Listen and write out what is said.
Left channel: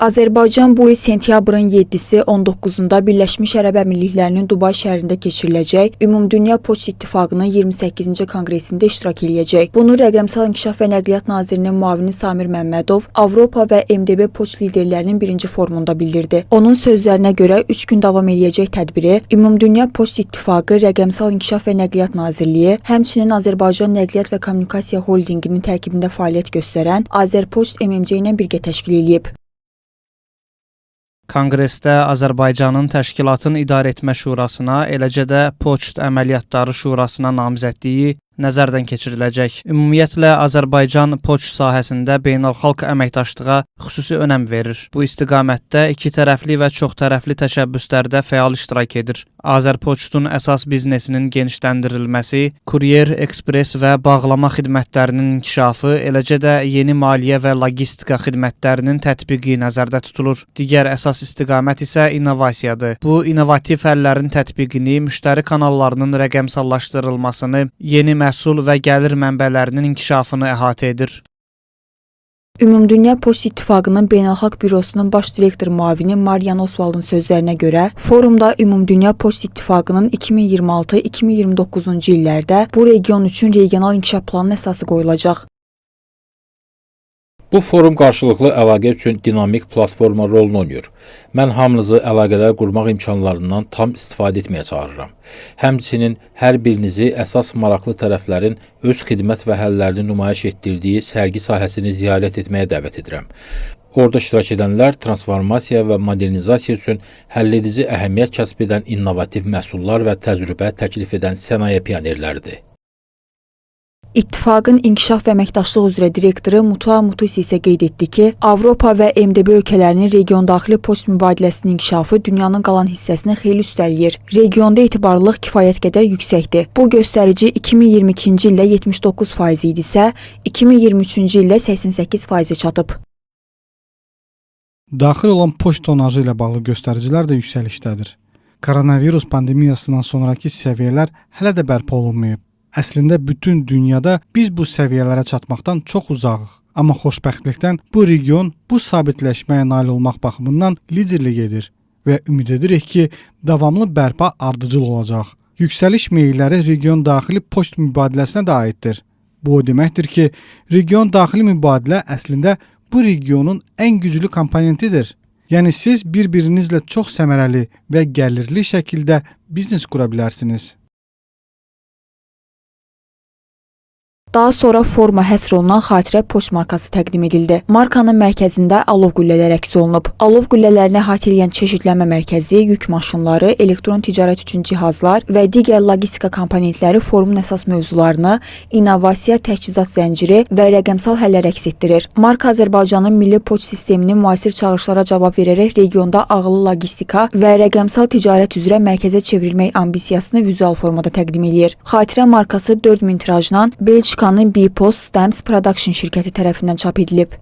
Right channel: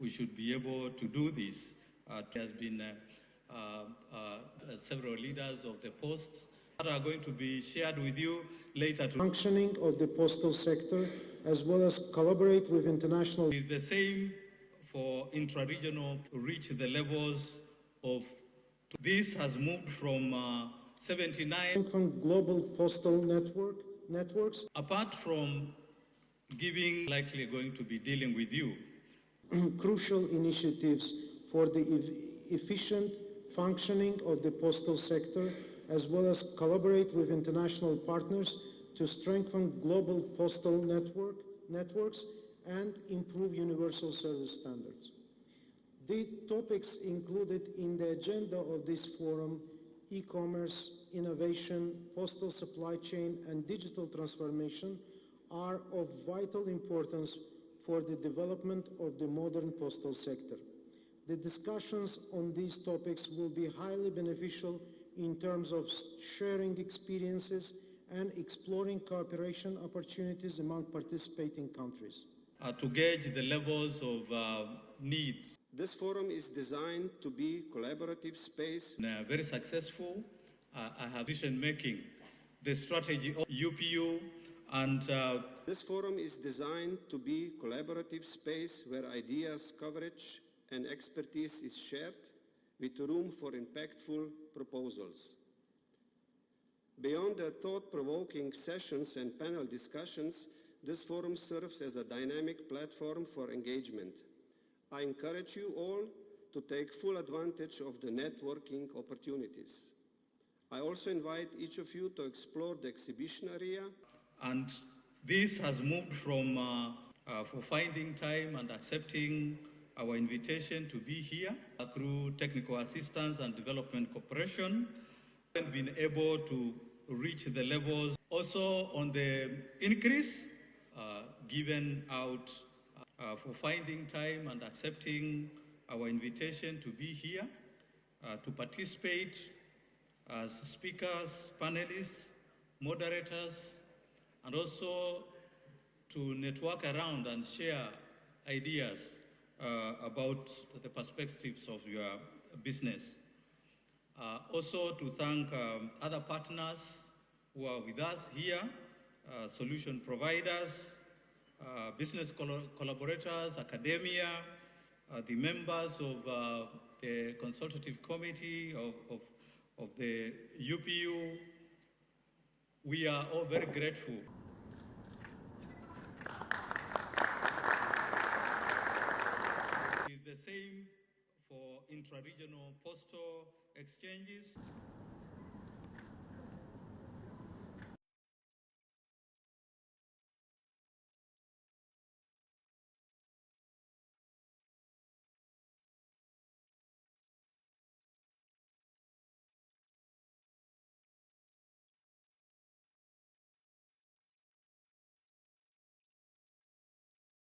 Azərbaycan bu il sentyabrın 7-si 19-da Birləşmiş Ərəb Əmirliklərinin Dubay şəhərində keçiriləcək Ümumdünya Poçt İttifaqının 28-ci konqresində iştirak edəcək. Bunu Rəqəmsal İnkişaf və Nəqliyyat Nazirinin müavini Samir Məmmədov Avropa və MDB Poçt liderlərinin birinci forumunda bildirdi. Onun sözlərinə görə 3 gün davam edəcək tədbiri Ümumdünya Poçt İttifaqı, Rəqəmsal İnkişaf və Nəqliyyat Nazirliyi, həmçinin Azərbaycan Nəqliyyat və Kommunikasiya Holdinginin tərkibində fəaliyyət göstərən Azərpoçt MMC ilə birgə təşkil edilib. Konqresdə Azərbaycanın Təşkilatın İdarəetmə Şurasına, eləcə də Poçt Əməliyyatları Şurasına namizədliyi nəzərdən keçiriləcək. Ümumiyyətlə, Azərbaycan poçt sahəsində beynəlxalq əməkdaşlığa xüsusi önəm verir. Bu istiqamətdə iki tərəfli və çox tərəfli təşəbbüslərdə fəal iştirak edir. Azərpoçtun əsas biznesinin genişləndirilməsi, kuryer, ekspres və bağlama xidmətlərinin inkişafı, eləcə də yeni maliyyə və logistika xidmətlərinin tətbiqi nəzərdə tutulur. Digər əsas istiqamət isə innovasiyadır. Bu, innovativ həllərin tətbiqini, müştəri kanallarının rəqəmsallaşdırılmasını, yeni məhsul və gəlir mənbələrinin inkişafını əhatə edir. Ümumdünya Poçt İttifaqının Beynəlxalq Bürosunun baş direktor müavini Marian Oswald'ın sözlərinə görə, forumda Ümumdünya Poçt İttifaqının 2026-2029-cu illərdə bu region üçün regional inkişaf planının əsası qoyulacaq. Bu forum qarşılıqlı əlaqə üçün dinamik platforma rolunu oynayır. Mən hamınızı əlaqələr qurmaq imkanlarından tam istifadə etməyə çağırıram. Həmçinin hər birinizi əsas maraqlı tərəflərin öz xidmət və həllərini nümayiş etdirdiyi sərgi sahəsini ziyarət etməyə dəvət edirəm. Orada iştirak edənlər transformasiya və modernizasiya üçün həlledici əhəmiyyət kəsb edən innovativ məhsullar və təcrübə təklif edən sənaye pionerləridir. İttifaqın İnkişaf və Əməkdaşlıq üzrə direktoru Mutua Mutusi isə qeyd etdi ki, Avropa və MDB ölkələrinin region daxili poçt mübadiləsinin inkişafı dünyanın qalan hissəsini xeyli üstələyir. Regionda etibarlılıq kifayət qədər yüksəkdir. Bu göstərici 2022-ci ildə 79% idisə, 2023-cü ildə 88% çatıb. Daxil olan poçt tonajı ilə bağlı göstəricilər də yüksəlişdədir. Koronavirus pandemiyasından sonraki səviyyələr hələ də bərpa olunmayıb. Əslində bütün dünyada biz bu səviyyələrə çatmaqdan çox uzağıq. Amma xoşbəxtlikdən bu region bu sabitləşməyə nail olmaq baxımından liderlik edir və ümid edirik ki, davamlı bərpa ardıcıl olacaq. Yüksəliş meyilləri region daxili poçt mübadiləsinə də aiddir. Bu o deməkdir ki, region daxili mübadilə əslində bu regionun ən güclü komponentidir. Yəni siz bir-birinizlə çox səmərəli və gəlirli şəkildə biznes qura bilərsiniz. Daha sonra foruma həsr olunan xatirə poçt markası təqdim edildi. Markanın mərkəzində alov qüllələri əks olunub. Alov qüllələrini əhatə edən çeşidlənmə mərkəzi, yük maşınları, elektron ticarət üçün cihazlar və digər logistika komponentləri forumun əsas mövzularını, innovasiya, təchizat zənciri və rəqəmsal həllər əks etdirir. Marka Azərbaycanın milli poçt sisteminin müasir çağırışlara cavab verərək regionda ağıllı logistika və rəqəmsal ticarət üzrə mərkəzə çevrilmək ambisiyasını vizual formada təqdim edir. Xatirə markası 4000 tirajla Belçika Bpost Stamps Production şirkəti tərəfindən çap edilib.